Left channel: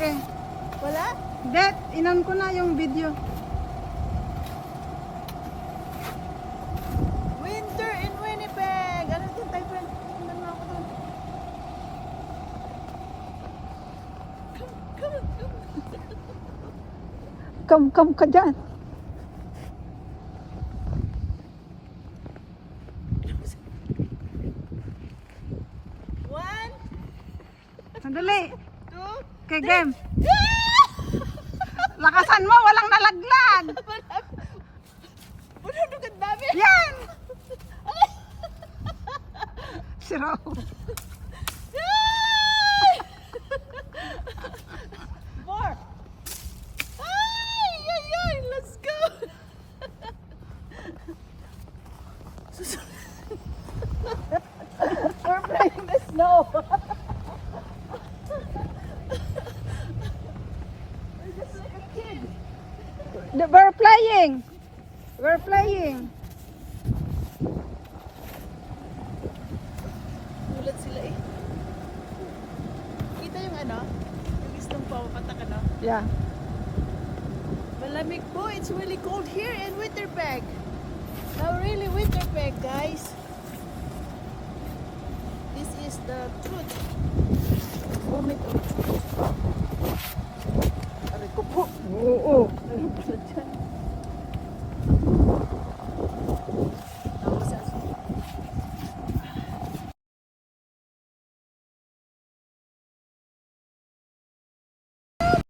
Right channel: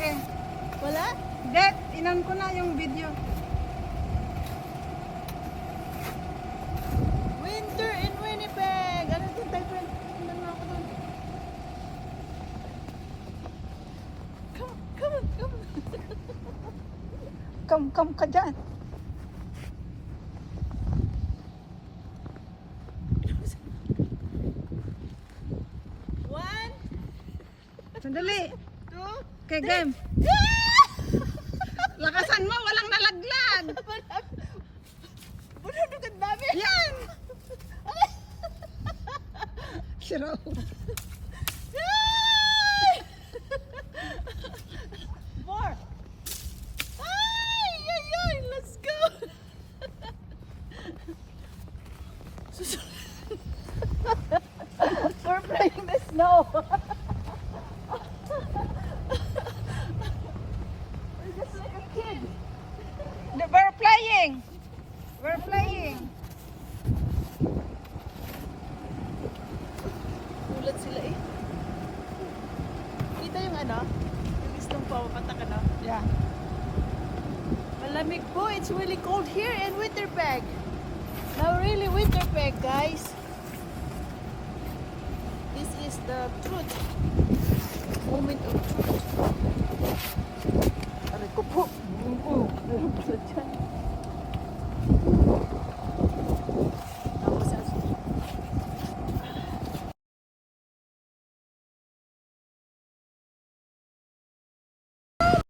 malaki. Wala? Hindi, inon ko na yung video. Winter in Winnipeg! Ano din tayo, friend? Tingnan mo ako doon. Come. Come ka dyan. One, Sandali. two, Okay, game. Lakasan mo, walang nalaglag. Puno ang dami. Yan! Siraw. Four. Ay, let's go. We're playing the snow. We're just like a kid. We're playing. We're playing. Ulat sila eh. Kita yung ano? Yung istong papatak ano? Yeah. Malamig po. It's really cold here in Winterpeg. Now really Winterpeg, guys. This is the truth. Moment of Aray ko po. Oo. Meron pala dyan.